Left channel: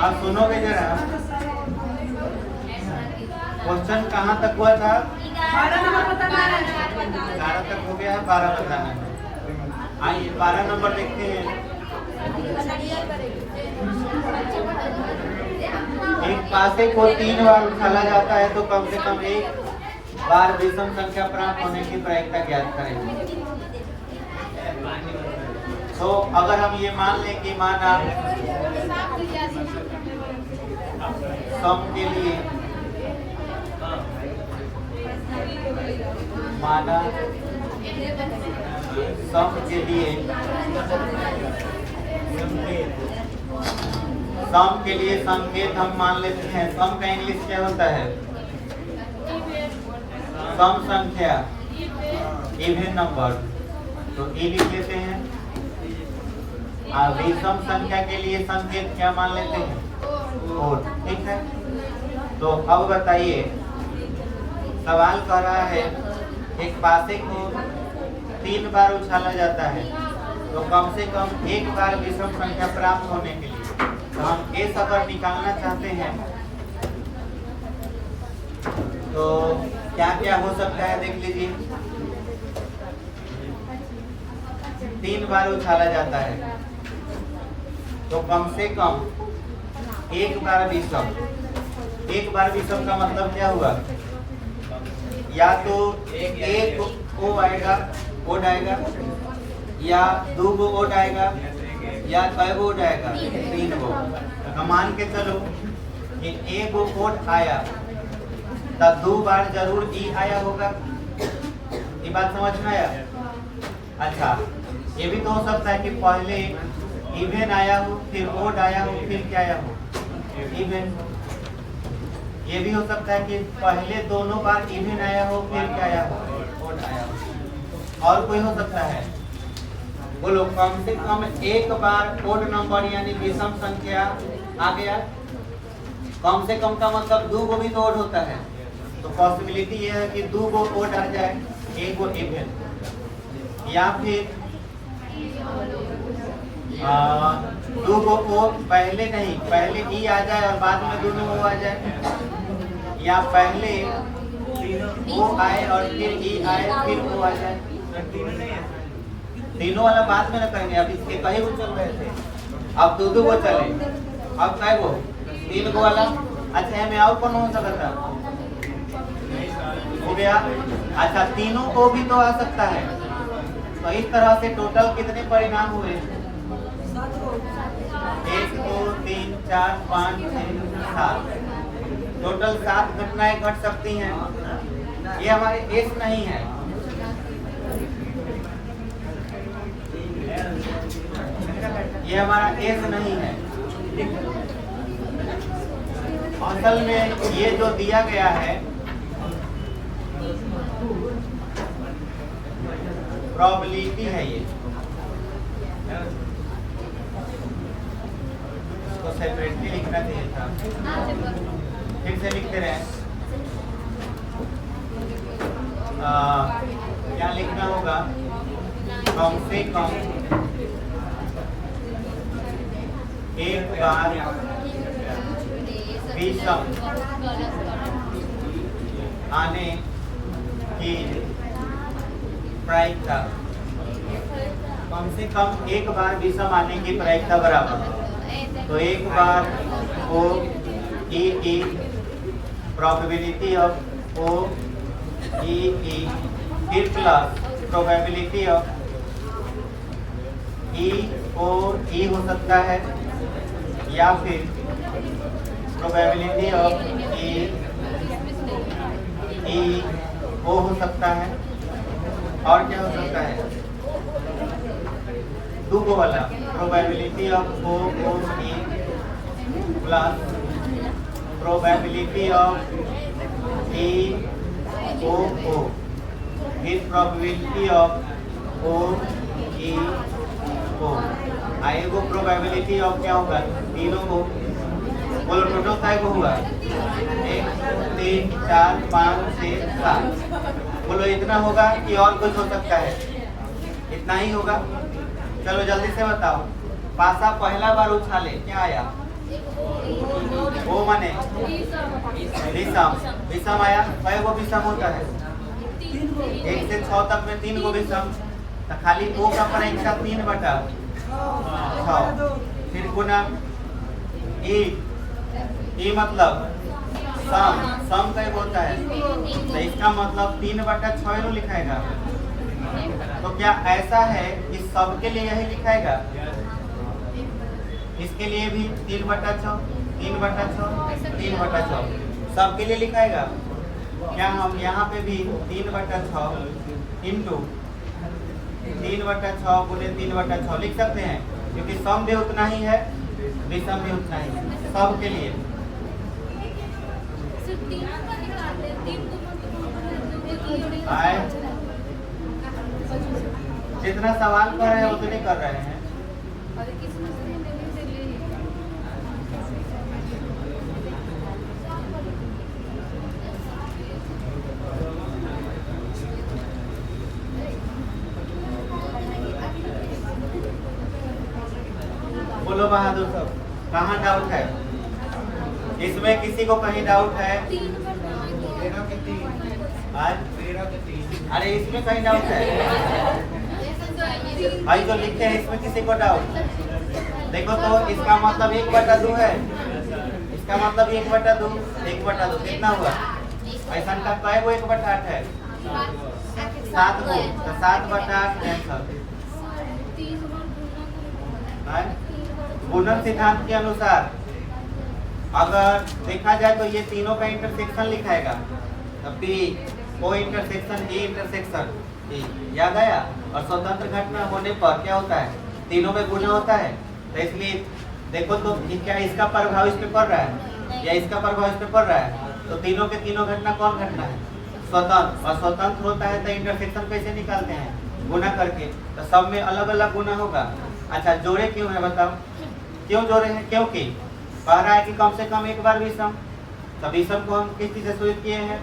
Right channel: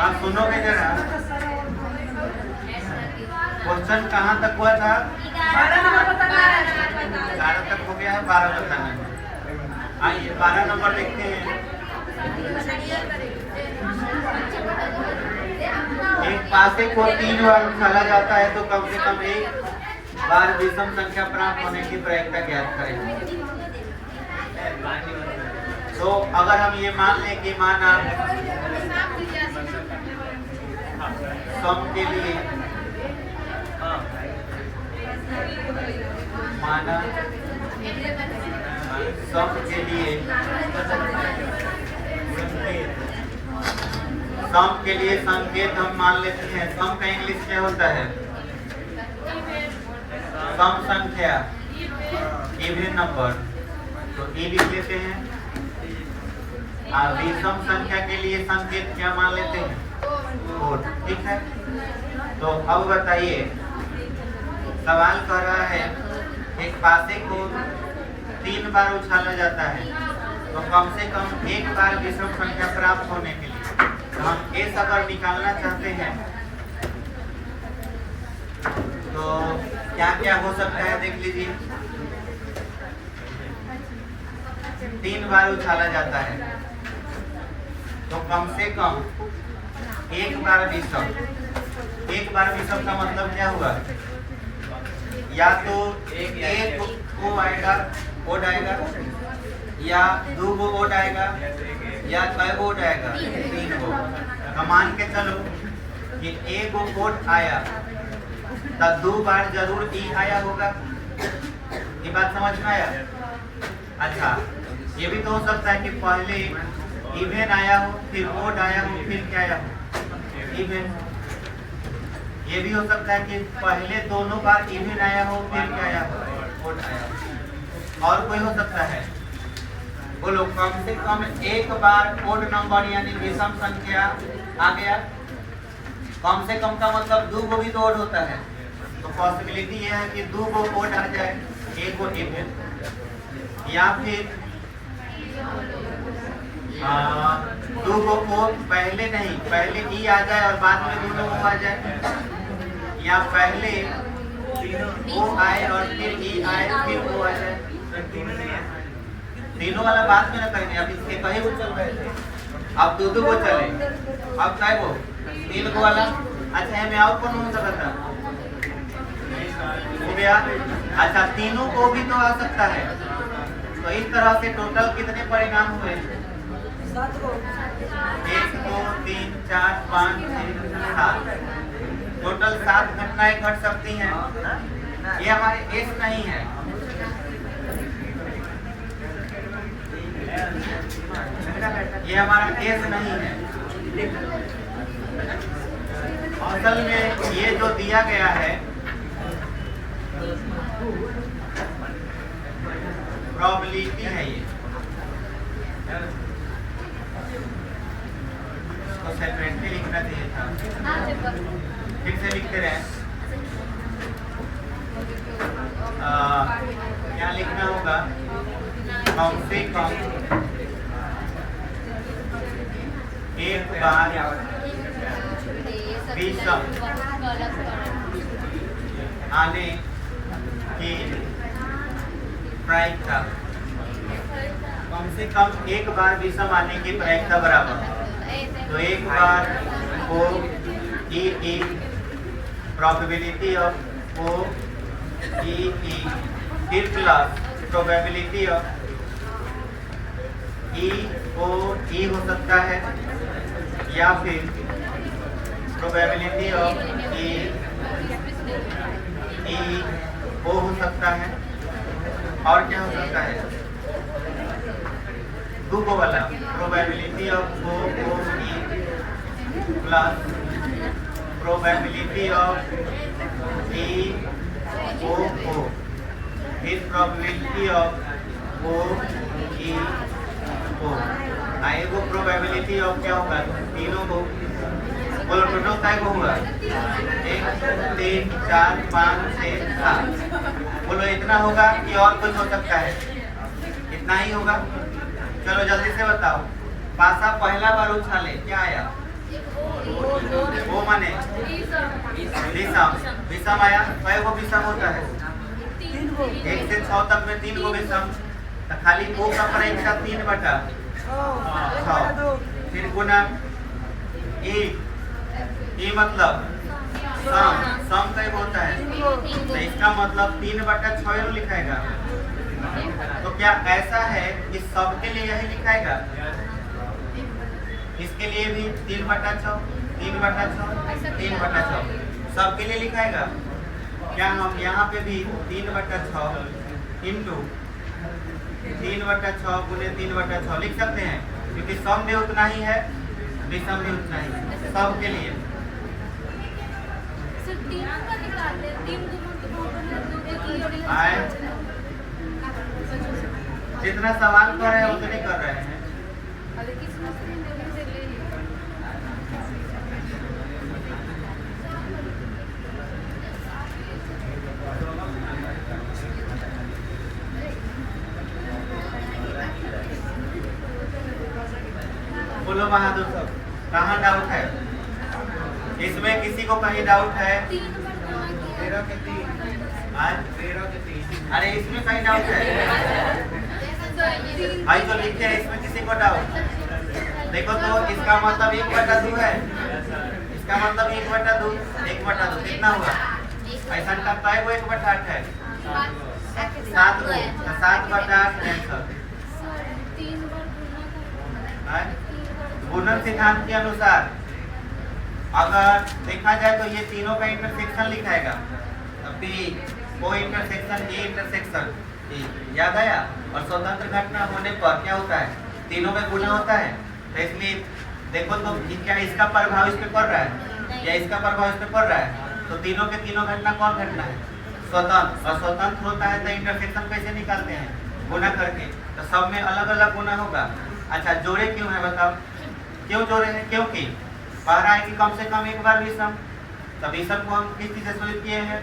आप सुनोगे जरा, क्वेश्चन कहाँ तक हुआ था? 11 तक हो गया है, 12 बताना है। आइए 12 नंबर देखते हैं। एक पासे को 3 बार उछाला जाता है तो कम से कम एक बार विषम संख्या प्राप्त होने की प्रायिकता ज्ञात करें। तो अगर हम ये मान लें कि माना सम के लिए सम के लिए संकेत हम मान लेते हैं। सम का इंग्लिश क्या होता है? सम संख्या, इवन नंबर, तो ई लिख लेते हैं। विषम संख्या के लिए संकेत क्या मान लेते हैं? ओड। ठीक है, तो अब बताइए, सवाल कर रहा है एक पासे को 3 बार उछाला जाता है तो कम से कम एक बार विषम संख्या प्राप्त होने के लिए, तो हम एस अगर निकालना चाहते हैं तो क्या क्या हो सकता है देख लीजिए। 3 बार उछाला जाता है तो कम से कम एक बार विषम। एक बार विषम का मतलब क्या हुआ? या तो एक ओ आएगा, ओड आएगा, या 2 गो ओड आएगा, या 6 गो ओड आएगा, 3 गो। मान के चलो कि एक गो ओड आया तो 2 बार जरूर ई आया होगा। ये बात समझ में आया? अच्छा, ये भी तो हो सकता है कि पहले इवन आया हो, फिर ओड आया हो, फिर क्या आया हो? इवन। ये भी हो सकता है कि पहले दोनों बार इवन आया हो, फिर क्या आया हो? ओड आया हो। और कोई हो सकता है? बोलो, कम से कम एक बार ओड नंबर यानी विषम संख्या आ गया। कम से कम का मतलब 2 गो भी तो ओड होता है, तो पॉसिबिलिटी ये है कि 2 गो ओड आ जाए, 1 गो इवन। या फिर 2 गो ओ पहले नहीं, पहले ई आ जाए और बाद में 2 ओ आ जाए, या पहले ओ आए और फिर ई आए, फिर ओ आ जाए। तीनों वाला बाद में न करेंगे। अब इसके कई गो चल रहे थे, अब 2 गो चले, अब कै गो? 3 गो वाला। अच्छा, हमें और कौन हो सकता हो गया? अच्छा, तीनों को भी तो आ सकता है। तो इस तरह से टोटल कितने परिणाम हुए? 1 2 3 4 5 6 7। टोटल 7 घटनाएं घट सकती हैं। ये हमारे एस नहीं है। ये हमारा एस नहीं है। असल में ये जो दिया गया है प्रोबेबिलिटी है। ये इसको सेपरेटली लिखना चाहिए था। ठीक से लिखते रहे। क्या लिखना होगा? कम से कम एक बार विषम आने की प्रायिकता। कम से कम एक बार विषम आने की प्रायिकता बराबर, तो एक बार ओ ई प्रोबेबिलिटी ऑफ ओ ई फिर प्लस प्रोबेबिलिटी ऑफ ई ओ ई हो सकता है, या फिर प्रोबेबिलिटी ऑफ ई ओ हो सकता है। और क्या हो सकता है? 2 गो वाला probability of O E plus probability of E O फिर probability of O E O. आएगो प्रोबेबिलिटी ऑफ क्या होगा? तीनों को बोलो टोटल काय को हुआ 1 2 3 4 5 6 7। बोलो इतना होगा कि और कुछ हो सकता है? इतना ही होगा। चलो जल्दी से बताओ। पासा पहला बार उछाले क्या आया? वो माने विषम। विषम आया। कई गो विषम होता है? 1 से 6 तक में 3 गो विषम। तो खाली वो का परीक्षा 3/6। फिर गुना ई मतलब सम। सम कई बोलता है तो इसका मतलब 3/6 लिखाएगा। तो क्या ऐसा है कि सबके लिए यही लिखाएगा? इसके लिए भी 3/6 3/6 3/6 सबके लिए लिखाएगा। क्या हम यहाँ पे भी 3/6 इंटू 3/6 गुने 3/6 लिख सकते हैं? क्योंकि सम भी उतना ही है, विषम भी उतना ही है सबके लिए। जितना सवाल कर रहे हैं उतने कर रहे हैं। बोलो बहादुर सब, कहाँ डाउट है? इसमें किसी को कहीं डाउट है? 13 के 3 आज 13 के 3। अरे इसमें कहीं डाउट है? भाई तो लिखे हैं, इसमें किसी को डाउट? देखो तो इसका मतलब 1/2 है। इसका मतलब 1/2 1/2 कितना हुआ? ऐसा का कई गो 1/8 है? 7 गो। 7/8 आंसर। गुणन सिद्धांत के अनुसार अगर देखा जाए तो ये तीनों का इंटरसेक्शन लिखाएगा। P O intersection A intersection याद आया। और स्वतंत्र घटना होने पर क्या होता है? तीनों में गुणा होता है। तो इसलिए देखो तो क्या इसका प्रभाव इस पे पड़ रहा है या इसका प्रभाव इस पे पड़ रहा है? तो तीनों के तीनों घटना कौन घटना है? स्वतंत्र। और स्वतंत्र होता है तो इंटरसेक्शन कैसे निकालते हैं? गुणा करके। तो सब में अलग अलग गुणा होगा। अच्छा जोड़े क्यों है बताओ? क्यों जोड़े हैं? क्योंकि कह रहा है कि कम से कम एक बार विषम। तो विषम को हम किस चीज से शुरू किए हैं?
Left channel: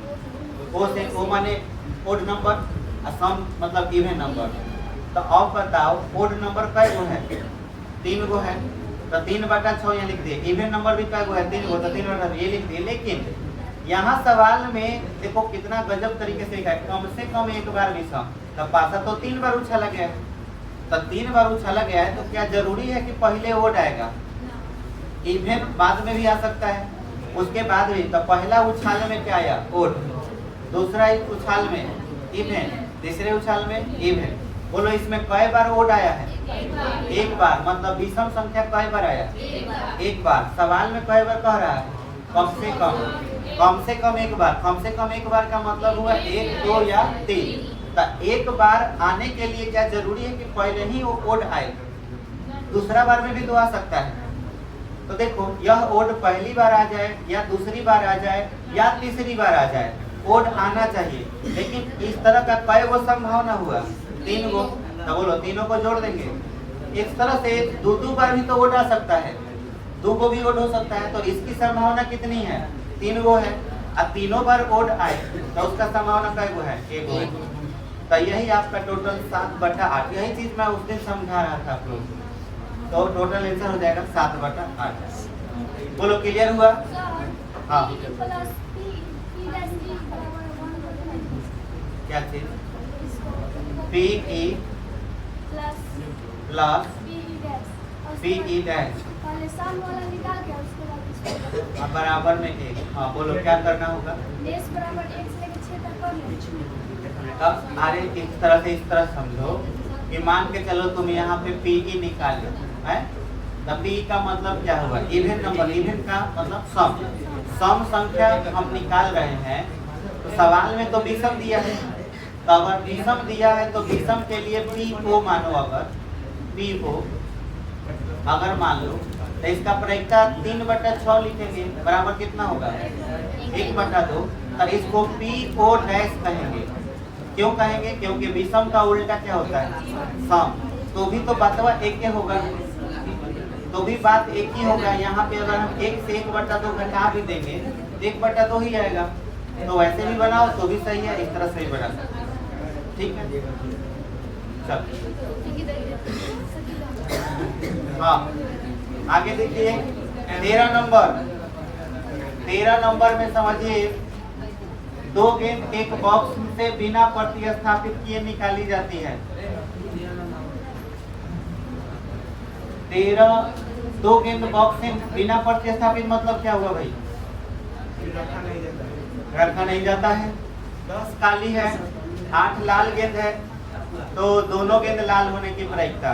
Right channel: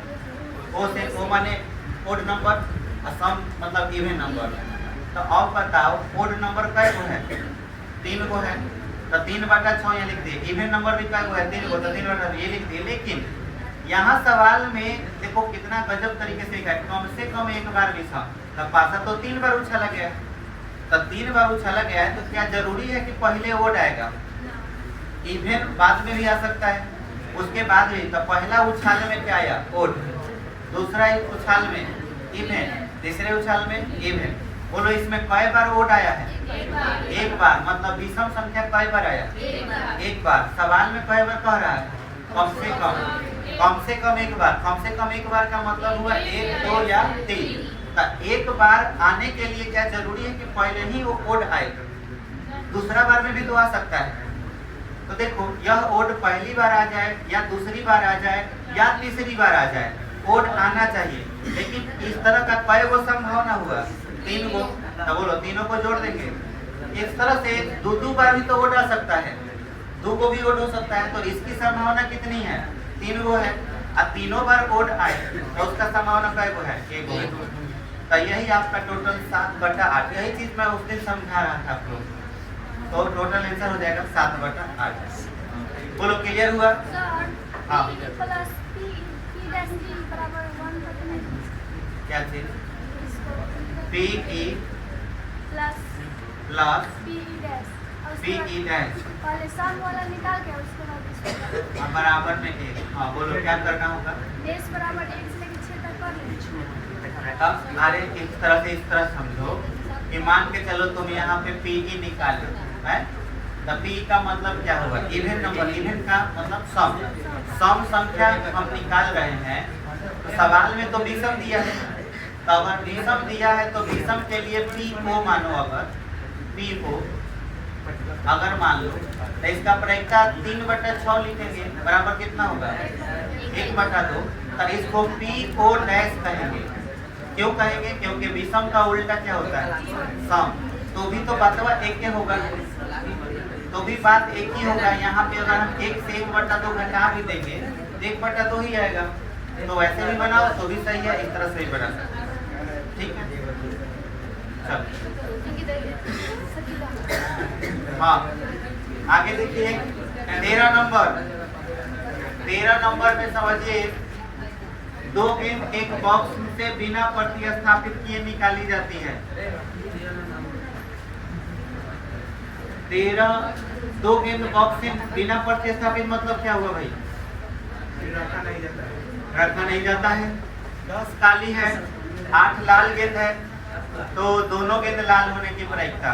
ओ से। ओ माने ओड नंबर और सम मतलब इवन नंबर। तो अब बताओ ओड नंबर कै गो है? 3 गो है। तो 3/6 यहाँ लिख दिए। इवन नंबर भी कै गो है? 3 गो। तो 3/6 ये लिख दिए। लेकिन यहाँ सवाल में देखो कितना गजब तरीके से लिखा है, कम से कम एक बार विषम। तो पासा तो 3 बार उछाला गया। तो 3 बार उछाला गया है तो क्या जरूरी है कि पहले ओड आएगा? इवन बाद में भी आ सकता है, उसके बाद भी। तो पहला उछाल में क्या आया? ओड। दूसरा उछाल में इवन, तीसरे उछाल में इवन। बोलो इसमें कई बार ओड आया है? एक बार। मतलब विषम संख्या कई बार आया? एक बार। सवाल में कई बार कह रहा है? कम से कम। कम से कम एक बार। कम से कम एक बार का मतलब हुआ 1 2 या 3। तो एक बार आने के लिए क्या जरूरी है कि पहले ही वो ओड आए? दूसरा बार में भी तो आ सकता है। तो देखो यह ओड पहली बार आ जाए या दूसरी बार आ जाए या तीसरी बार आ जाए, ओड आना चाहिए। लेकिन इस तरह का कई गो संभावना हुआ? 3 गो। तो बोलो तीनों को जोड़ देंगे। इस तरह से 2 बार भी तो ओड आ सकता है, 2 को भी ओड हो सकता है। तो इसकी संभावना कितनी है? 3 गो है। और तीनों बार ओड आए तो उसका संभावना कै गो है? 1 गो। तो यही आपका टोटल 7/8। यही चीज मैं उस दिन समझा रहा था आप लोग। तो टोटल आंसर हो जाएगा 7/8। बोलो क्लियर हुआ? हाँ क्या चीज? P E plus P E dash बराबर में 1। हाँ बोलो क्या करना होगा? अब अरे इस तरह से इस तरह समझो कि मान के चलो तुम यहाँ पे पी ई निकालो है। तो पी का मतलब क्या होगा? Even number. इवन का मतलब सम। सम संख्या हम निकाल रहे हैं। तो सवाल में तो विषम दिया है। तो अगर विषम दिया है तो विषम के लिए पी को मानो। अगर पी को अगर मान लो तो इसका परीक्षा 3/6 लिखेंगे। बराबर कितना होगा? 1/2। और इसको पी ओ डैश कहेंगे। क्यों कहेंगे? क्योंकि विषम का उल्टा क्या होता है? सम। तो भी तो बतवा एक के होगा। तो भी बात एक ही होगा। यहाँ पे अगर हम 1 से 1/2 घटा भी देंगे तो 1/2 ही आएगा। तो वैसे भी बनाओ तो भी सही है, इस तरह से भी बना सकते हैं। ठीक है, चलो हाँ आगे देखिए 13 नंबर में समझिए 2 गेंद एक बॉक्स से बिना प्रतिस्थापित किए निकाली जाती है। 2 गेंद बॉक्स से बिना प्रतिस्थापित मतलब क्या हुआ भाई? रखा नहीं जाता है। 10 काली है, 8 लाल गेंद है, तो दोनों गेंद लाल होने की प्रायिकता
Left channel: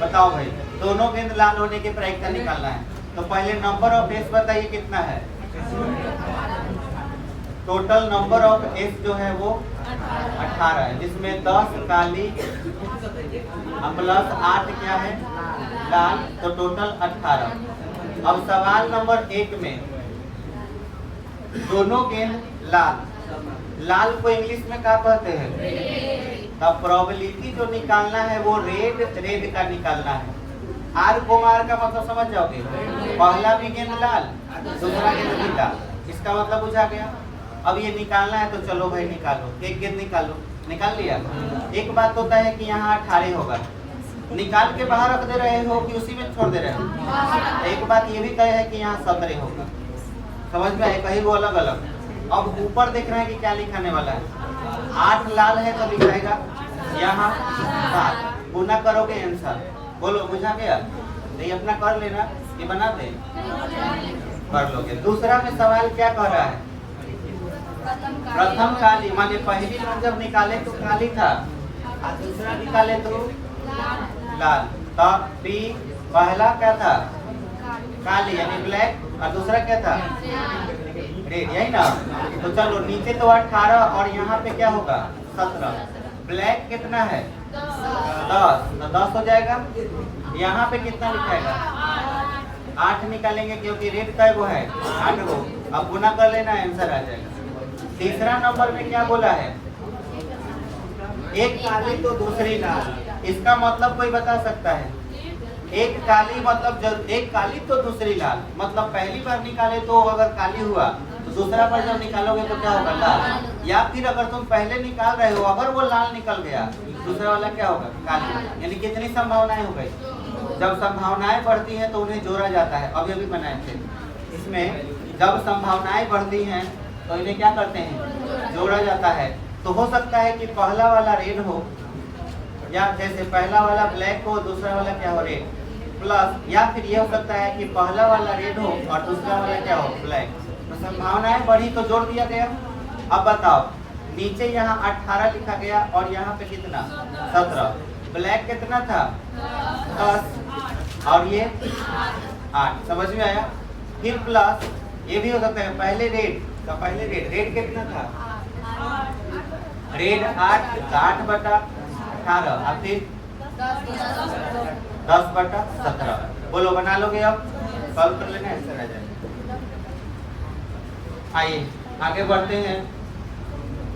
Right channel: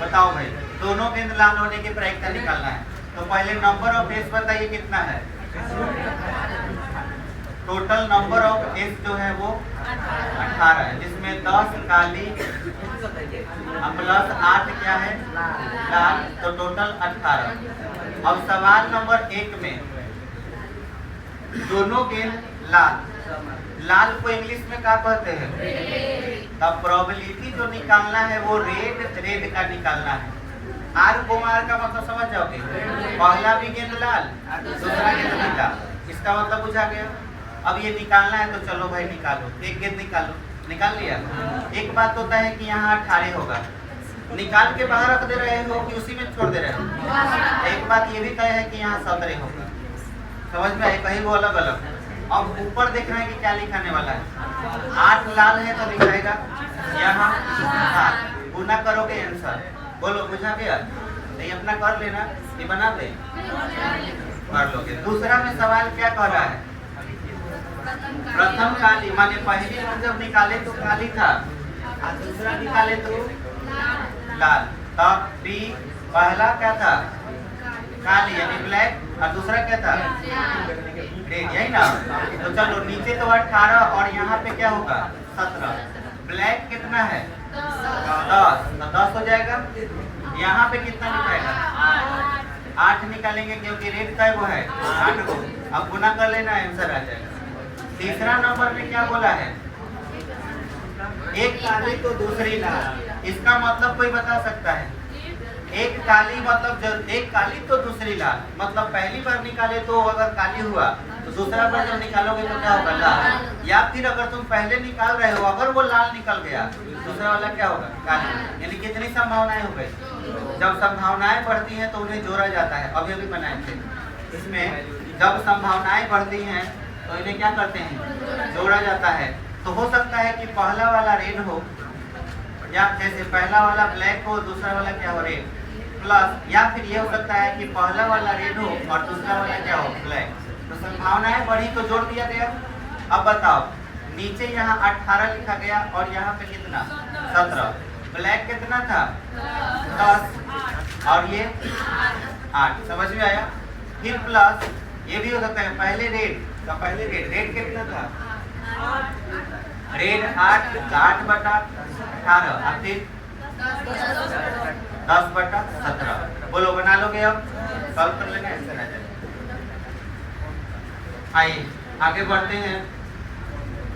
बताओ भाई। दोनों गेंद लाल होने की प्रायिकता निकालना है। तो पहले नंबर ऑफ एस बताइए कितना है? टोटल नंबर ऑफ एस जो है वो 18 है, जिसमें 10 काली प्लस 8 क्या है? लाल, तो टोटल 18। अब सवाल नंबर 1 में दोनों गेंद लाल को इंग्लिश में क्या कहते हैं? तब प्रोबेबिलिटी जो निकालना है वो रेड का निकालना है। आर को आर का मतलब समझ जाओगे, पहला भी गेंद लाल, दूसरा गेंद नीला, इसका मतलब बुझा गया। अब ये निकालना है तो चलो भाई निकालो, एक गेंद निकालो। निकाल लिया। एक बात होता है कि यहाँ 18 होगा, निकाल के बाहर रख दे रहे हो कि उसी में छोड़ दे रहे हो? एक बात ये भी तय है कि यहाँ 17 होगा। समझ में आए? कहीं वो अलग अलग। अब ऊपर देख रहे हैं कि क्या लिखाने वाला है। 8 लाल है तो लिखाएगा यहाँ 7, गुना करोगे आंसर। बोलो बुझा गया? नहीं अपना कर लेना, ये बना दे कर लोगे। दूसरा में सवाल क्या कह रहा है? प्रथम काली माने पहली बार जब निकाले तो काली था और दूसरा निकाले तो लाल। तब बी पहला क्या था? काली यानी ब्लैक, और दूसरा क्या था? रेड, यही ना? तो चलो नीचे तो 18 और यहाँ पे क्या होगा? 17। ब्लैक कितना है? 10, तो 10 हो जाएगा। यहाँ पे कितना लिखाएगा? 8 निकालेंगे क्योंकि रेड का वो है 8 को। अब गुना कर लेना, आंसर आ जाएगा। तीसरा नंबर में क्या बोला है? एक काली तो दूसरी लाल। इसका मतलब कोई बता सकता है? एक काली मतलब जब एक काली तो दूसरी लाल, मतलब पहली बार निकाले तो अगर काली हुआ तो दूसरा बार जब निकालोगे तो क्या होगा? लाल। या फिर अगर तुम पहले निकाल रहे हो अगर वो लाल निकल गया, दूसरा वाला क्या होगा? काली। यानी कितनी संभावनाएं हो गई? जब संभावनाएं बढ़ती हैं तो उन्हें जोड़ा जाता है। अभी बनाए थे इसमें, जब संभावनाएं बढ़ती हैं तो इन्हें क्या करते हैं? जोड़ा जाता है। तो हो सकता है कि पहला वाला रेड हो, या जैसे पहला वाला ब्लैक हो, दूसरा वाला क्या हो? रेड प्लस, या फिर ये हो सकता है कि पहला वाला रेड हो और दूसरा वाला क्या हो? ब्लैक। तो संभावनाएं बढ़ी तो जोड़ दिया गया। अब बताओ, नीचे यहाँ 18 लिखा गया और यहाँ पे कितना? 17। ब्लैक कितना था? 10 और ये 8। समझ में आया? फिर प्लस ये भी हो सकता है पहले रेड का, पहले रेड कितना था? रेड 8/18 और फिर 10/17। बोलो बना लोगे? अब सॉल्व कर लेना, आंसर आ जाएगा। आइए आगे बढ़ते हैं।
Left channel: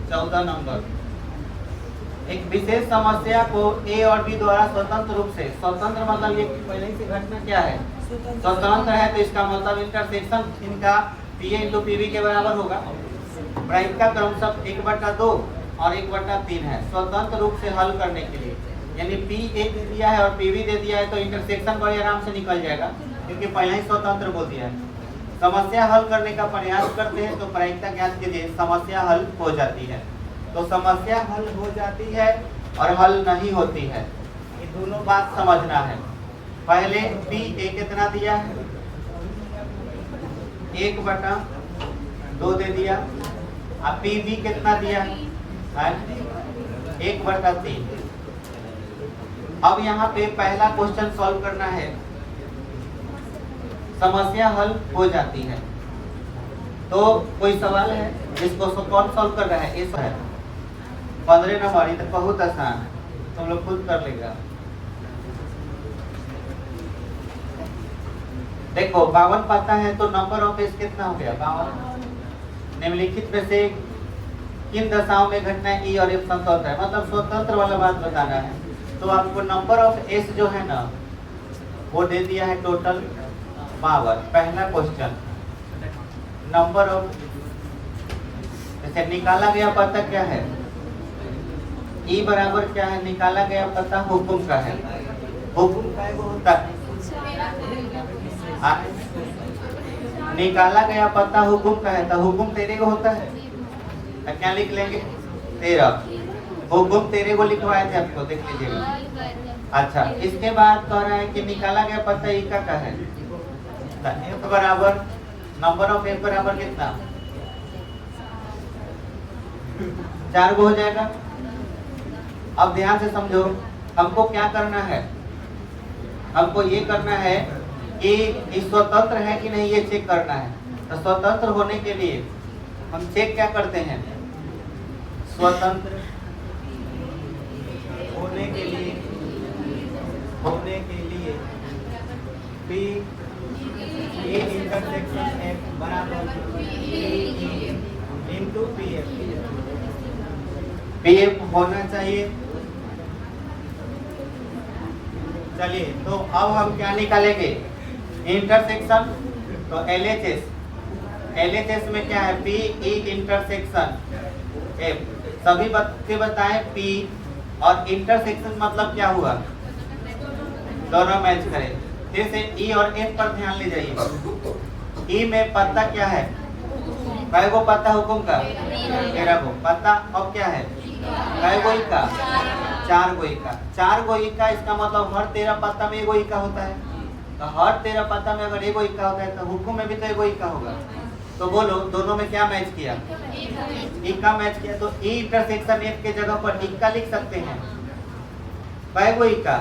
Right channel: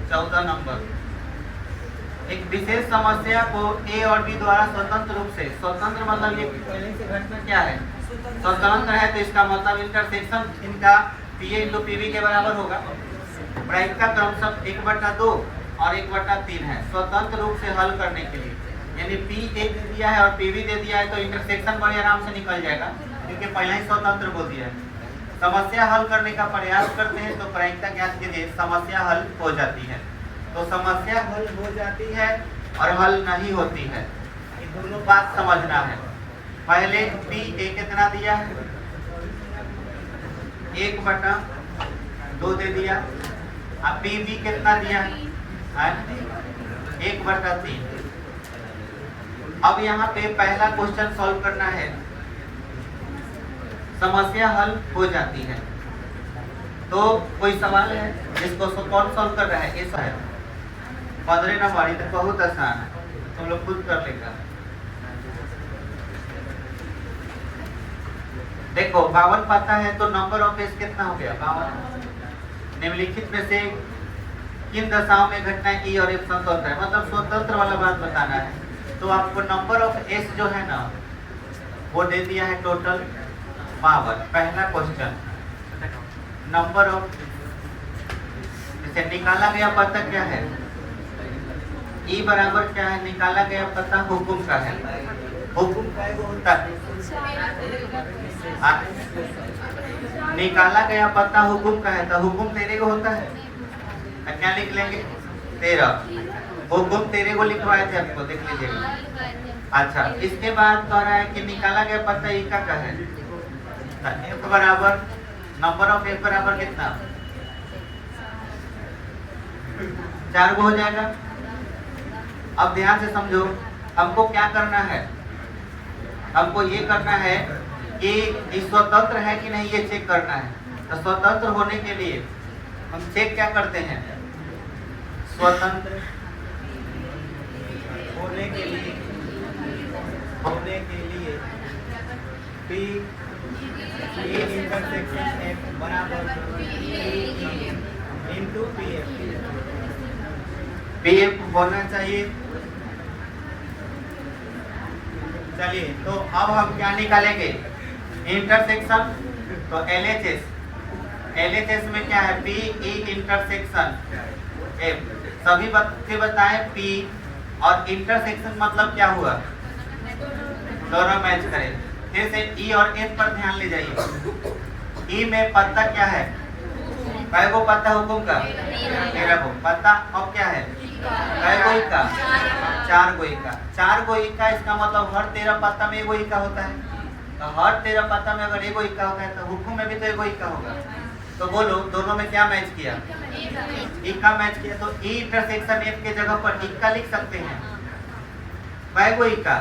14 नंबर, एक विशेष समस्या को ए और बी द्वारा स्वतंत्र रूप से, स्वतंत्र मतलब ये पहले ही से घटना क्या है? स्वतंत्र है, तो इसका मतलब इंटरसेक्शन इनका पी इंटू पीवी के बराबर होगा। प्रायिकता क्रमशः 1/2 और 1/3 है। स्वतंत्र रूप से हल करने के लिए, यानी पी ए दे दिया है और पीवी दे दिया है तो इंटरसेक्शन बड़े आराम से निकल जाएगा क्योंकि पहले ही स्वतंत्र बोल दिया है। समस्या हल करने का प्रयास करते हैं तो प्रायिकता ज्ञात कीजिए, समस्या हल हो जाती है। तो समस्या हल हो जाती है और हल नहीं होती है, ये दोनों बात समझना है। पहले पी ए कितना दिया है? 1/2 दे दिया। अब पी बी कितना दिया है? 1/3। अब यहाँ पे पहला क्वेश्चन सॉल्व करना है। समस्या हल हो जाती है तो कोई सवाल है जिसको कौन सॉल्व कर रहा है? ये है 15 नंबर। ये तो बहुत आसान है, तुम लोग खुद कर लेगा। देखो 52 पाता है तो नंबर ऑफ एस कितना हो गया? 52। निम्नलिखित में से किन दशाओं में घटना ई और एफ स्वतंत्र है? मतलब स्वतंत्र वाला बात बताना है। तो आपको नंबर ऑफ एस जो है ना वो दे दिया है टोटल पावर। पहला क्वेश्चन नंबर ऑफ, जैसे निकाला गया पता क्या है, ई बराबर क्या है, निकाला गया पता हुकुम का है। हुकुम का वो होता है, निकाला गया पता हुकुम का है, तो हुकुम तेरे को होता है, तो क्या लिख लेंगे, तेरा। हुकुम तेरे को लिखवाए थे आपको, देख लीजिएगा। अच्छा, इसके बाद कह रहा है कि निकाला गया पता ई का है, एफ बराबर नंबर ऑफ एफ बराबर कितना, 4 को हो जाएगा। अब ध्यान से समझो, हमको क्या करना है, हमको ये करना है कि स्वतंत्र है कि नहीं ये चेक करना है। तो स्वतंत्र होने के लिए हम चेक क्या करते हैं, स्वतंत्र होने के लिए P इंटरसेक्शन F बराबर इंटू PF होना चाहिए। चलिए, तो अब हम क्या निकालेंगे, इंटरसेक्शन। तो LHS में क्या है, PE इंटरसेक्शन F। सभी बच्चे बताएं P और इंटरसेक्शन मतलब क्या हुआ, दोनों मैच करें। फिर से E और F पर ध्यान ले जाइए। E में पता क्या है, कै को पता हुकुम का, 13 को पता। अब क्या है, कै को ई का, 4 को ई का। 4 को ई का, इसका मतलब हर 13 पता में एगो ई का होता है। तो हर 13 पता में अगर एगो ई का होता है तो हुकुम में भी तो एगो ई का होगा। तो बोलो दोनों में क्या मैच किया, ई का मैच किया। तो E इंटरसेक्शन F के जगह पर ई का लिख सकते हैं। कै को ई का,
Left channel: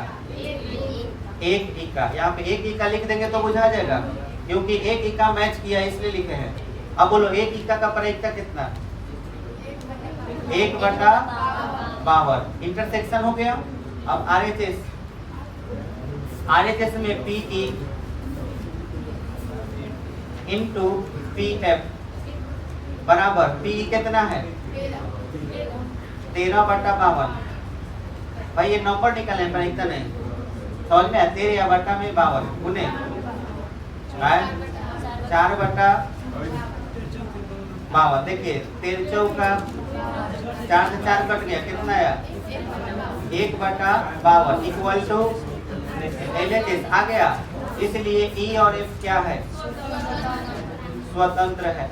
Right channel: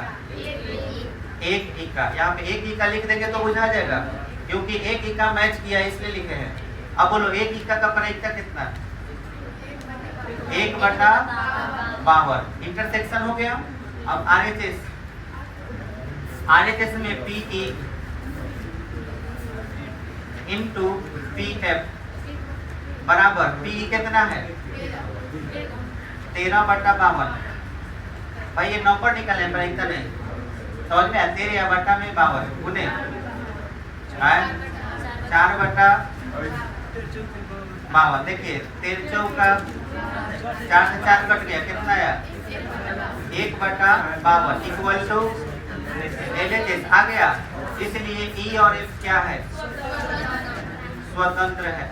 एक ई का। यहाँ पे एक ई का लिख देंगे तो बुझा जाएगा, क्योंकि एक ई का मैच किया इसलिए लिखे हैं। अब बोलो एक ई का परीक्षा कितना, 1/52 इंटरसेक्शन हो गया। अब RHS में PE इंटू PF बराबर, PE कितना है, 13/52। भाई ये नंबर निकाले पर इतना नहीं समझ में आया, 13/52 गुने 4/52। देखिए 13 का 4 से 4 कट गया, कितना आया, 1/52 इक्वल टू LHS आ गया। इसलिए E और F क्या है, स्वतंत्र है।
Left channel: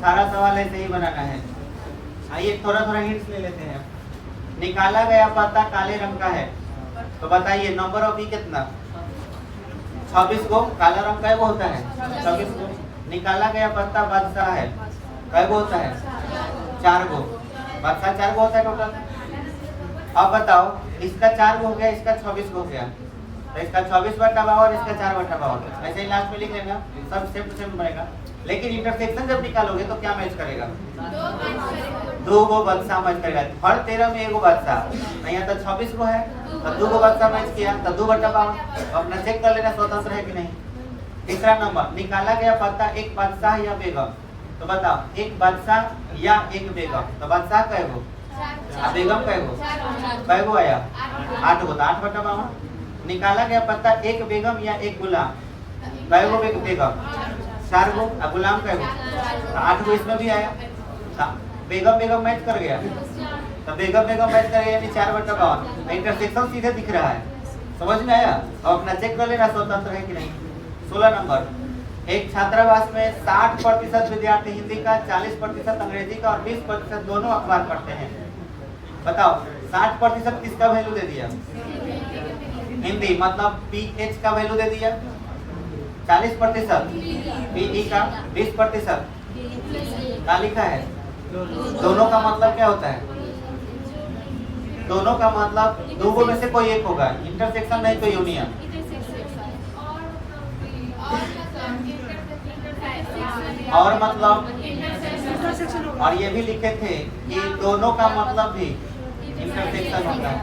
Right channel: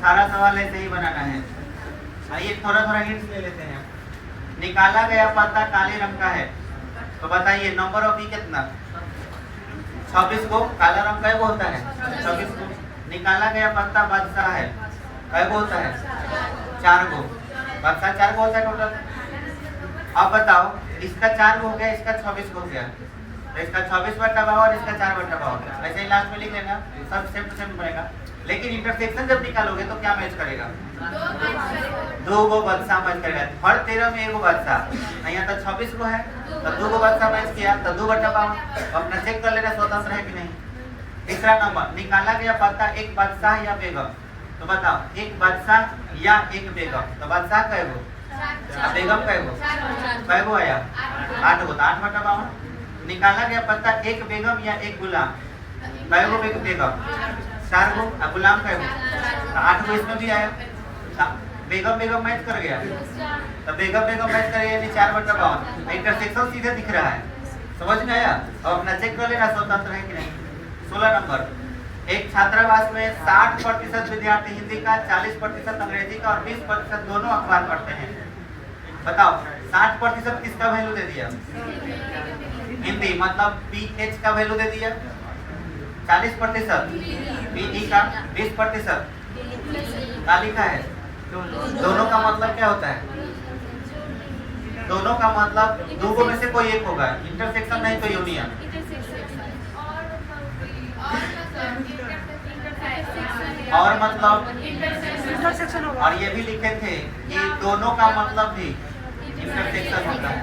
सारा सवाल ऐसे ही बनाना है। आइए थोड़ा थोड़ा हिंट्स ले लेते हैं। निकाला गया पता काले रंग का है, तो बताइए नंबर ऑफ ई कितना, 26 को। काला रंग कै को होता है, 26 को। निकाला गया पता बादशाह है, कै को होता है, 4 को। बादशाह 4 को होता है टोटल। अब बताओ, इसका 4 को हो गया, इसका 26 को हो गया, तो इसका 26/52 और इसका 4/52। वैसे ही लास्ट में लिख लेना, सब सेम बनेगा। लेकिन इंटरसेक्शन जब निकालोगे तो क्या मैच करेगा, 2 को बादशाह मैच करेगा। हर 13 में एगो बादशाह, यहाँ तो 26 को है, तो 2 को बादशाह मैच किया, तो 2/52। अपना चेक कर लेना स्वतंत्र है कि नहीं। तीसरा नंबर, निकाला गया पता एक बादशाह या बेगम। तो बताओ, एक बादशाह या एक बेगम, तो बादशाह कै गो, बेगम कै गो, कै गो आया, 8 को, तो 8/52। निकाला गया पता एक बेगम या एक गुलाम, कै गो बेगम, 4 को, गुलाम कै गो, 8 को। इसमें भी आया, बेगम मैच कर गया, तो बेगम मैच कर गया, यानी 4/52। इंटरसेक्शन सीधे दिख रहा है, समझ में आया। और अपना चेक कर लेना स्वतंत्र है कि नहीं। 16 नंबर, एक छात्रावास में 60% विद्यार्थी हिंदी का, 40% अंग्रेजी का और 20% दोनों अखबार पढ़ते हैं। बताओ 60% किसका वैल्यू दे दिया, हिंदी, मतलब PH का वैल्यू दे दिया, 40% PE का, 20% क्या लिखा है। दोनों का मतलब क्या होता है, दोनों का मतलब दो में से कोई एक होगा, इंटरसेक्शन नहीं तो यूनियन। और मतलब और ये भी लिखे थे कि दोनों का मतलब भी इंटरसेक्शन होता है।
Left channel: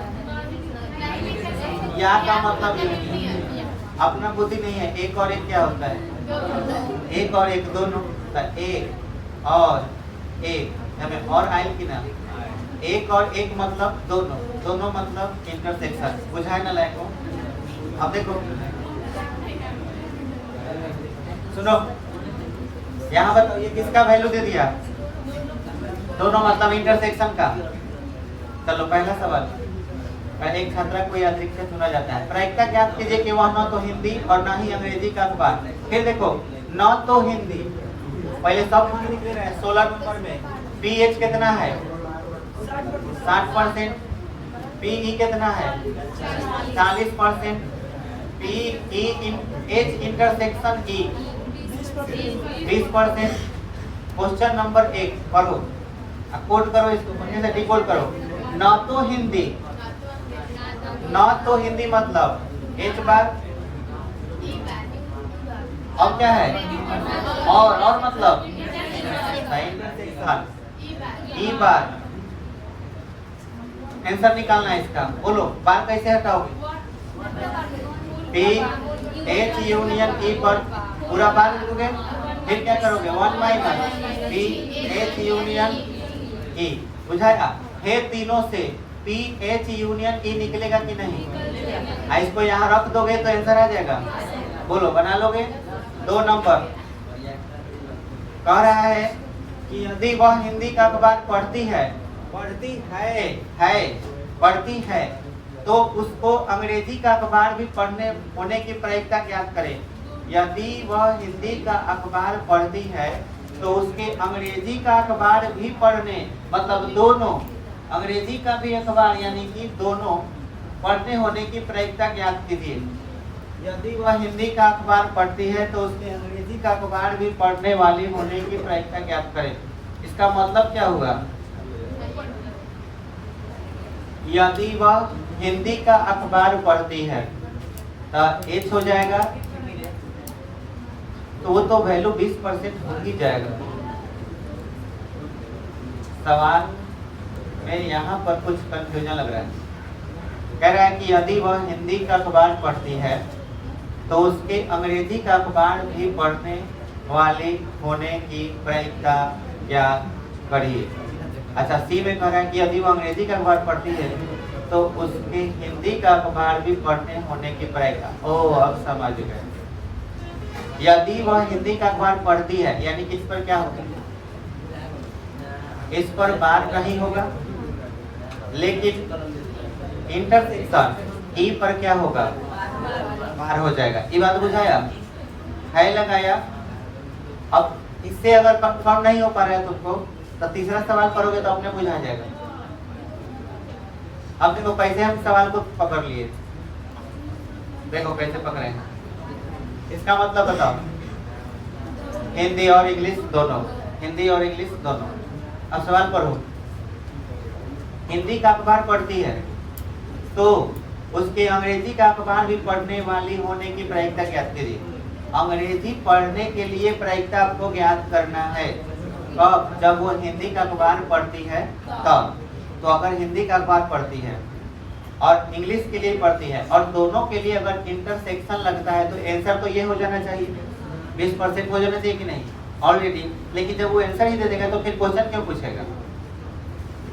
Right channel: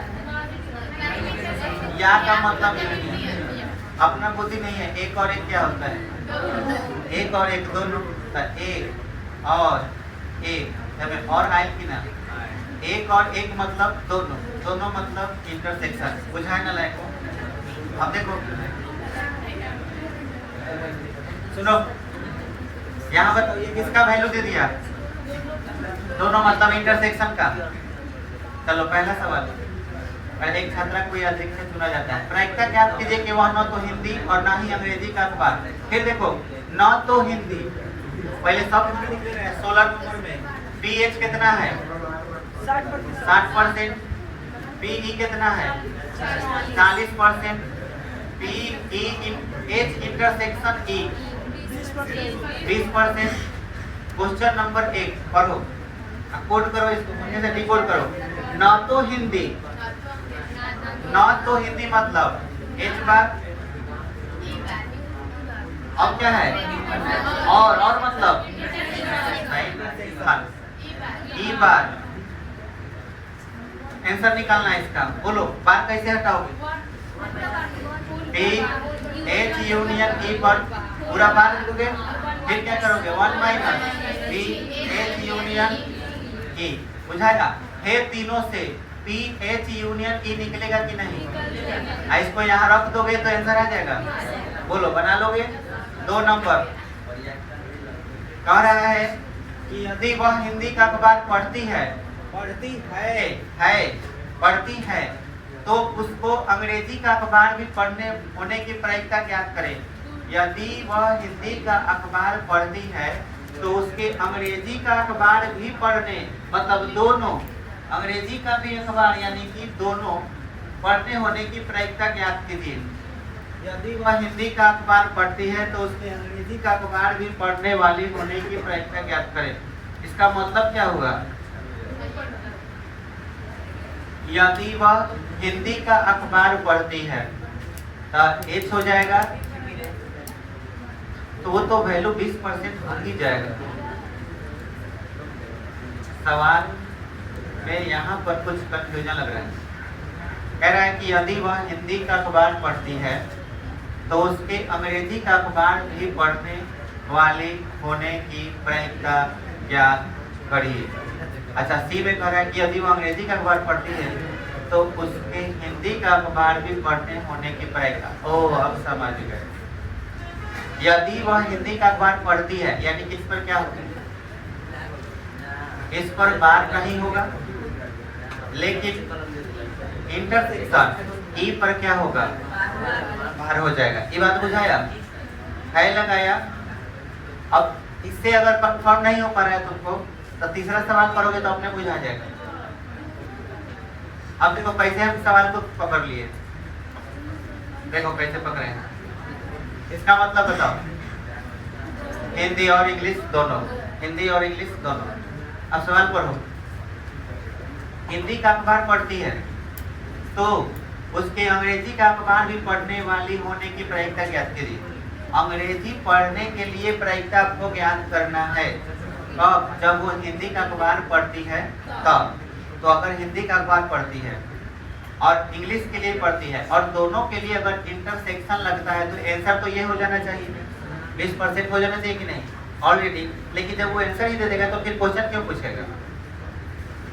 या का मतलब अपना बुद्धि नहीं है, एक और एक क्या होता है, एक और एक दोनों, एक और एक और आयल की ना, एक और एक मतलब दोनों, दोनों मतलब इंटरसेक्शन। बुझाए ना लायक हो। अब देखो सुनो, यहाँ बताओ ये किसका वैल्यू दे दिया? दोनों मतलब इंटरसेक्शन का। चलो पहला सवाल, एक छात्र को अधिक से चुना जाता है। प्रायिकता ज्ञात कीजिए कि वह न तो हिंदी और न ही अंग्रेजी का अखबार। फिर देखो न तो हिंदी, पहले सब हिंदी लिख ले रहे हैं। 16 नंबर में पीएच कितना है? 60%। पीई कितना है? 40%। P E H intersection E 20%। Question number 1 पढ़ो, कोड करो इसको, बढ़िया से डिकोड करो। न तो हिंदी, न तो हिंदी मतलब एच बार, और क्या है? और मतलब ई बार। आंसर निकालना है इसका, बोलो बार कैसे हटाओगे? पी एच यूनियन ई पर पूरा बार लिखोगे, फिर क्या करोगे? 1 माइनस पी एच यूनियन ई, बुझाया? है तीनों से पी एच यूनियन ई निकलेगा कि नहीं? इसको यहाँ रख दोगे तो आंसर आ जाएगा। बोलो बना लोगे? 2 नंबर कह रहा है कि यदि वह हिंदी का अखबार पढ़ती है तो उसको अंग्रेजी का अखबार भी पढ़ने होने की प्रायिकता ज्ञात करें। यदि वह हिंदी का अखबार पढ़ती है तो उसके अंग्रेजी का अखबार भी पढ़ने, मतलब दोनों अंग्रेजी का भी अखबार यानी कि दोनों पढ़ने होने की प्रायिकता ज्ञात कीजिए। यदि वह हिंदी का अखबार पढ़ती है तो उसके अंग्रेजी का अखबार भी पढ़ने वाली होने की प्रायिकता ज्ञात करें। इसका मतलब क्या होगा? यदि वह हिंदी का अखबार पढ़ती है तो एच हो जाएगा, तो वो तो वैल्यू 20% हो ही जाएगा। सवाल में यहाँ पर कुछ कंफ्यूजन लग रहा है। कह रहा है कि यदि वह हिंदी का अखबार पढ़ती है तो उसके अंग्रेजी का अखबार भी पढ़ने वाली होने की प्रायिकता ज्ञात करिए। अच्छा, सी में कह रहा है कि यदि वह अंग्रेजी का अखबार पढ़ती है तो उसके हिंदी का अखबार भी पढ़ने होने की प्रायिकता। ओह, अब समझ गए। यदि वह हिंदी का अखबार पढ़ती है यानी कि इस पर क्या होगा? इस पर बार नहीं होगा, लेकिन इंटरसेक्शन ई पर क्या होगा? बार हो जाएगा। ये बात बुझाया है, लगाया? अब इससे अगर कंफर्म नहीं हो पा रहा है तुमको तो तीसरा सवाल पढ़ोगे तो अपने बुझा जाएगा। अब देखो कैसे हम सवाल को पकड़ लिए, देखो कैसे पकड़े हैं। इसका मतलब बताओ, हिंदी और इंग्लिश दोनों, हिंदी और इंग्लिश दोनों। अब सवाल पढ़ो। हिंदी का अखबार पढ़ती है तो उसके अंग्रेजी का अखबार भी पढ़ने वाली होने की प्रायिकता ज्ञात कीजिए। अंग्रेजी पढ़ने के लिए प्रायिकता आपको ज्ञात करना है। कब? जब वो हिंदी का अखबार पढ़ती है तब। तो अगर हिंदी का अखबार पढ़ती है और इंग्लिश के लिए पढ़ती है और दोनों के लिए अगर इंटरसेक्शन लगता है तो आंसर तो ये हो जाना चाहिए, 20% हो जाना चाहिए कि नहीं ऑलरेडी। लेकिन जब वो आंसर ही दे देगा तो फिर क्वेश्चन क्यों पूछेगा?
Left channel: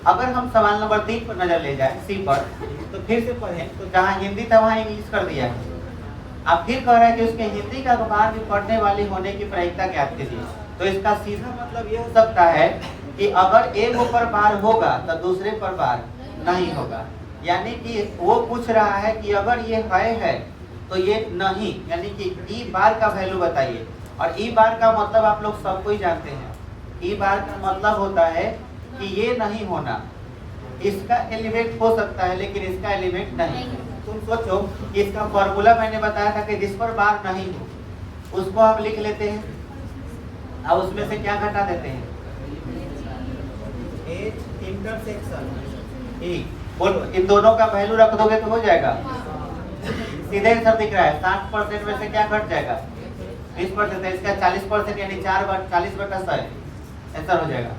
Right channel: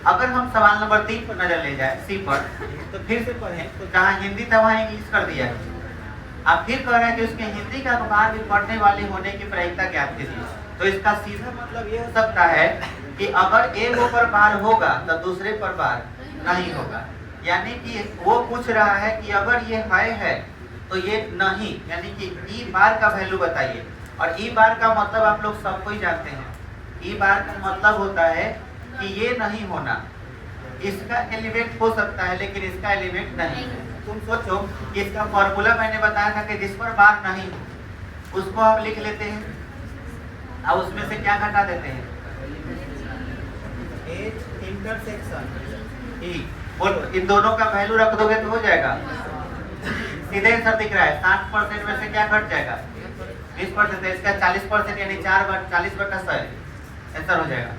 अगर हम सवाल नंबर 3 पर नजर ले जाए, सी पर, तो फिर से पढ़ें तो जहाँ हिंदी था वहाँ इंग्लिश कर दिया है। अब फिर कह रहा है कि उसके हिंदी का अखबार भी पढ़ने वाली होने की प्रायिकता ज्ञात कीजिए। तो इसका सीधा मतलब ये हो सकता है कि अगर एक पर बार होगा तो दूसरे पर बार नहीं होगा। यानी कि वो पूछ रहा है कि अगर ये है तो ये नहीं, यानी कि ई बार का वैल्यू बताइए। और ई बार का मतलब आप लोग सबको ही जानते हैं। ई बार का मतलब होता है कि ये नहीं होना, इसका एलिमेंट हो सकता है लेकिन इसका एलिमेंट नहीं। तुम सोचो, इसका फॉर्मूला मैंने बताया था कि जिस पर बार नहीं हो उसको हम लिख लेते हैं और उसमें से क्या घटा देते हैं? एच इंटरसेक्शन ई। बोलो, इन दोनों का वैल्यू रख दोगे तो हो जाएगा। सीधे आंसर दिख रहा है, 60% में से क्या घट जाएगा? 20%। इसका 40% यानी 4 बार 40/100 आंसर हो जाएगा।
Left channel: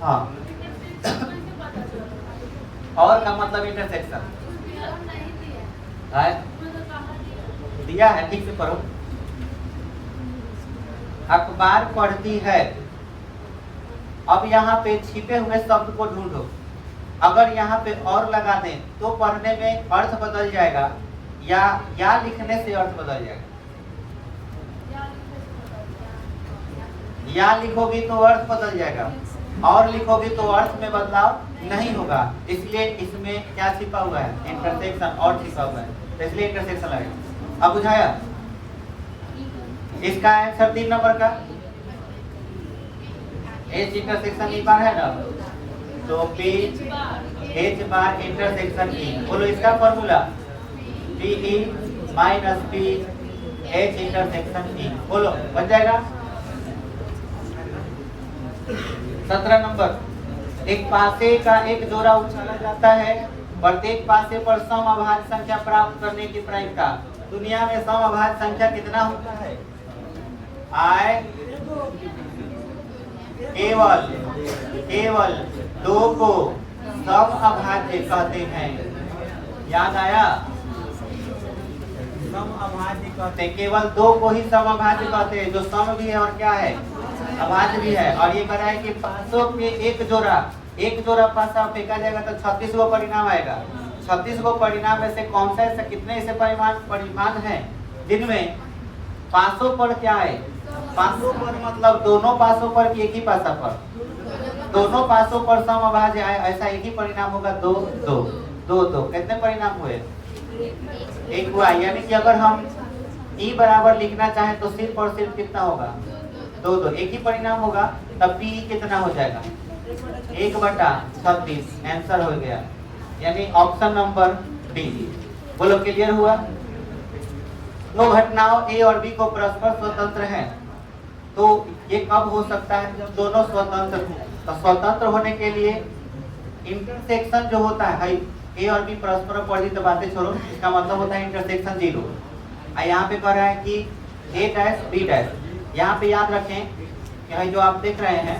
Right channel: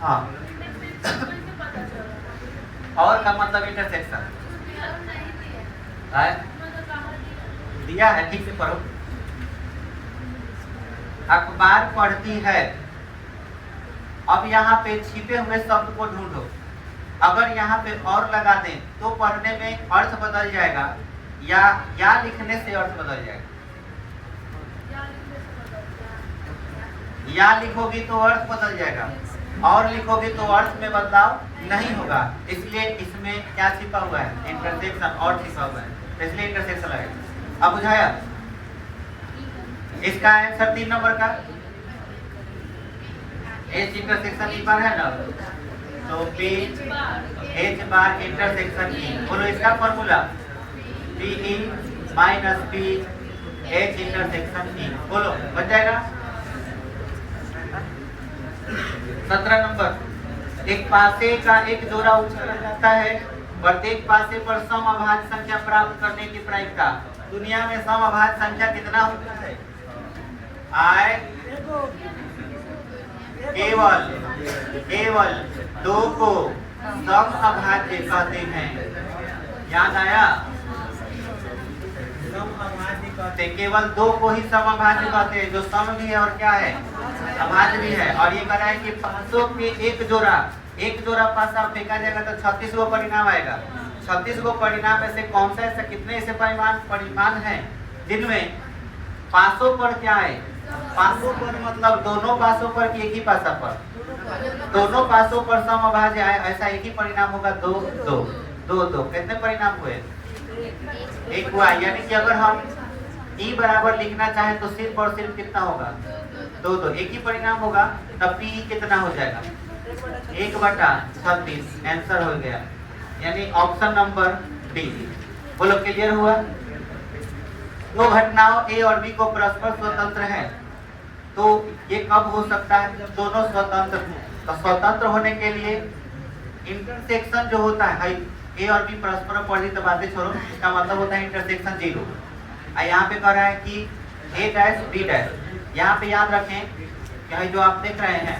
हाँ, और का मतलब इंटरसेक्शन दिया है, ठीक से पढ़ो। अखबार पढ़ती है। अब यहाँ पे छिपे हुए शब्द को ढूंढो। अगर यहाँ पे और लगा दें तो पढ़ने में अर्थ बदल जाएगा या लिखने से अर्थ बदल जाएगा। या लिखोगी तो अर्थ बदल जाएगा, और लिखोगी तो अर्थ में बदलाव नहीं होगा। इसलिए इसमें क्या छिपा हुआ है? इंटरसेक्शन और छिपा हुआ है, तो इसलिए इंटरसेक्शन लगेगा। अब बुझाया? इसका आंसर 3 नंबर का एच इंटरसेक्शन ई बार है ना, तो पी एच बार इंटरसेक्शन ई। बोलो इसका formula P E minus P H intersection ई। बोलो बन जाएगा। 17 नंबर, एक पासे का एक जोड़ा उछाला जाता है, प्रत्येक पासे पर सम अभाज्य संख्या प्राप्त करने की प्रायिकता। दुनिया में सम अभाज्य संख्या कितना होता है? आय केवल 2 को सम अभाज्य कहते हैं। याद आया? सम अभाज्य कहते हैं, केवल 2 को ही सम अभाज्य कहते हैं, जो सम भी है और क्या है? अभाज्य भी है। और ये कह रहा है कि 500 के एक जोड़ा पासा फेंका जाएगा तो 36 गो परिणाम आएगा। 36 गो परिणाम में से कौन सा ऐसा, कितने ऐसे परिमाण हैं जिनमें 500 पर क्या है? 500 पर मतलब दोनों पासों पर कि एक ही पासा पर? दोनों पासों पर सम अभाज्य है, ऐसा एक ही परिणाम होगा। 2 2 2 2 कितने परिणाम हुए? एक हुआ। यानी कि अगर हम ई बराबर लिखना चाहें तो सिर्फ और सिर्फ कितना होगा? 2 2, एक ही परिणाम होगा। तब पी कितना हो जाएगा? 1/36। आंसर हो गया, यानी ऑप्शन नंबर डी। बोलो क्लियर हुआ? दो घटनाओं ए और बी को परस्पर स्वतंत्र है, तो ये कब हो सकता है? जब दोनों स्वतंत्र हो। तो स्वतंत्र होने के लिए इंटरसेक्शन जो होता है, ए और बी परस्पर अपोजिट, तो बातें छोड़ो, इसका मतलब होता है इंटरसेक्शन 0। यहाँ पे कह रहा है कि ए डैश बी डैश। यहाँ पे याद रखें कि जो आप देख रहे हैं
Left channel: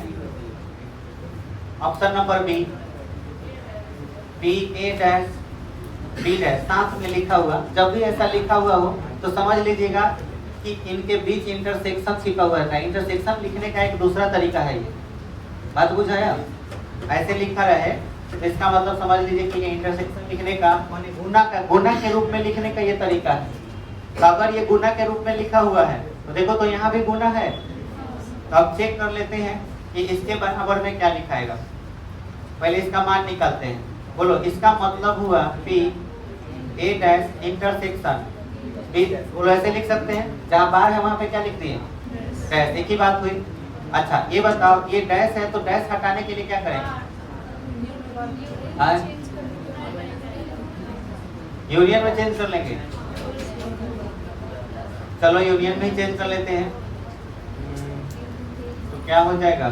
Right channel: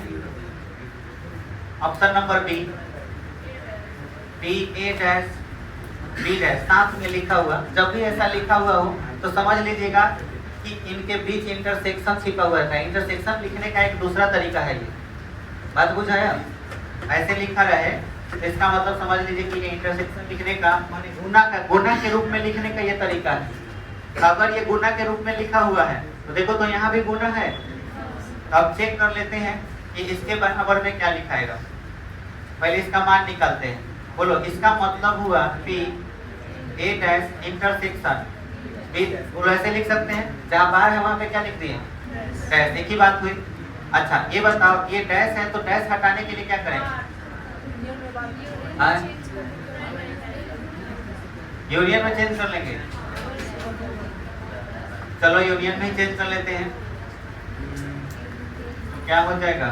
ऑप्शन नंबर बी, बी ए डैश बी डैश साथ में लिखा हुआ, जब भी ऐसा लिखा हुआ हो तो समझ लीजिएगा कि इनके बीच इंटरसेक्शन छिपा हुआ है। इंटरसेक्शन लिखने का एक दूसरा तरीका है, ये बात बुझाया? ऐसे लिखा रहे तो इसका मतलब समझ लीजिए कि इंटरसेक्शन लिखने का माने गुना के रूप में लिखने का ये तरीका है। तो अगर ये गुना के रूप में लिखा हुआ है तो देखो, तो यहाँ भी गुना है। तो अब चेक कर लेते हैं कि इसके बराबर में क्या लिखाएगा। पहले इसका मान निकालते हैं। बोलो इसका मतलब हुआ P A dash intersection B. बोलो ऐसे लिख सकते हैं, जहाँ बार है वहाँ पे क्या लिख दिए? डैश। एक ही बात हुई। अच्छा ये बताओ, ये डैश है तो डैश हटाने के लिए क्या करेंगे? यूनियन में चेंज कर लेंगे। चलो यूनियन में चेंज कर लेते हैं, तो क्या हो जाएगा?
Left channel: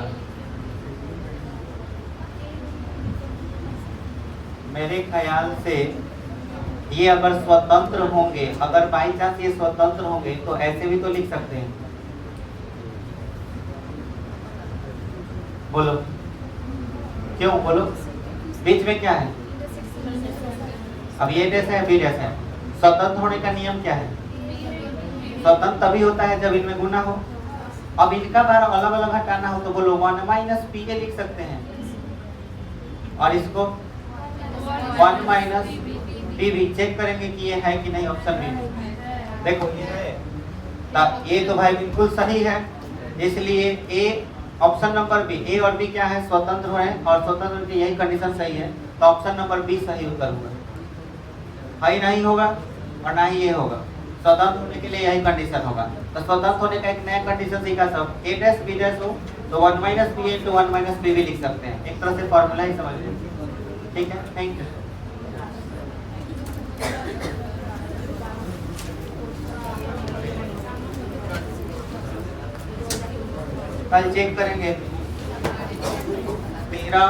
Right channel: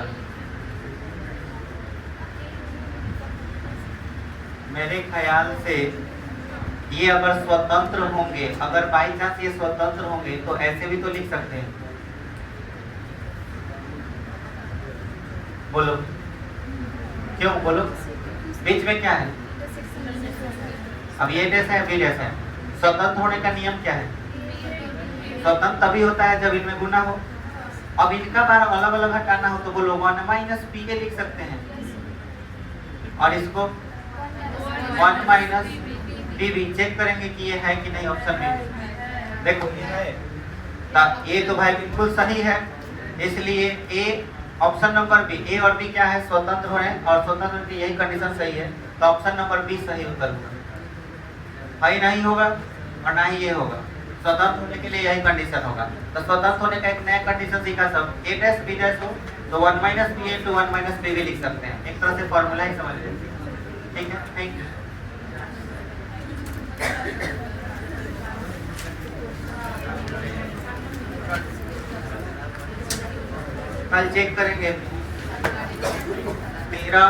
मेरे ख्याल से ये अगर स्वतंत्र होंगे, अगर बाई चांस ये स्वतंत्र होंगे तो ऐसे भी तो लिख सकते हैं। बोलो क्यों? बोलो बीच में क्या है? अब ये डैश है, बी डैश है। स्वतंत्र होने का नियम क्या है? स्वतंत्र तभी होता है जब इनमें गुना हो। अब इनका बार अलग अलग हटाना हो तो बोलो 1 माइनस पी ए लिख सकते हैं, और इसको 1 माइनस पी भी। चेक करेंगे कि ये है कि नहीं ऑप्शन में। देखो ये है, ये तो भाई बिल्कुल सही है, इसलिए ए ऑप्शन नंबर बी, ए और बी क्या है? स्वतंत्र हो रहे हैं, और स्वतंत्र की यही कंडीशन सही है, तो ऑप्शन नंबर बी सही उत्तर होगा। ही नहीं होगा और ना ही ये होगा। स्वतंत्र होने के लिए यही कंडीशन होगा। तो स्वतंत्र होने का एक नया कंडीशन सीखा सब, ए डैश बी डैश हो तो 1 minus B into 1 minus B भी लिख सकते हैं। एक तरह से फॉर्मूला ही समझ लीजिए। ठीक है, थैंक यू। कल चेक करेंगे 13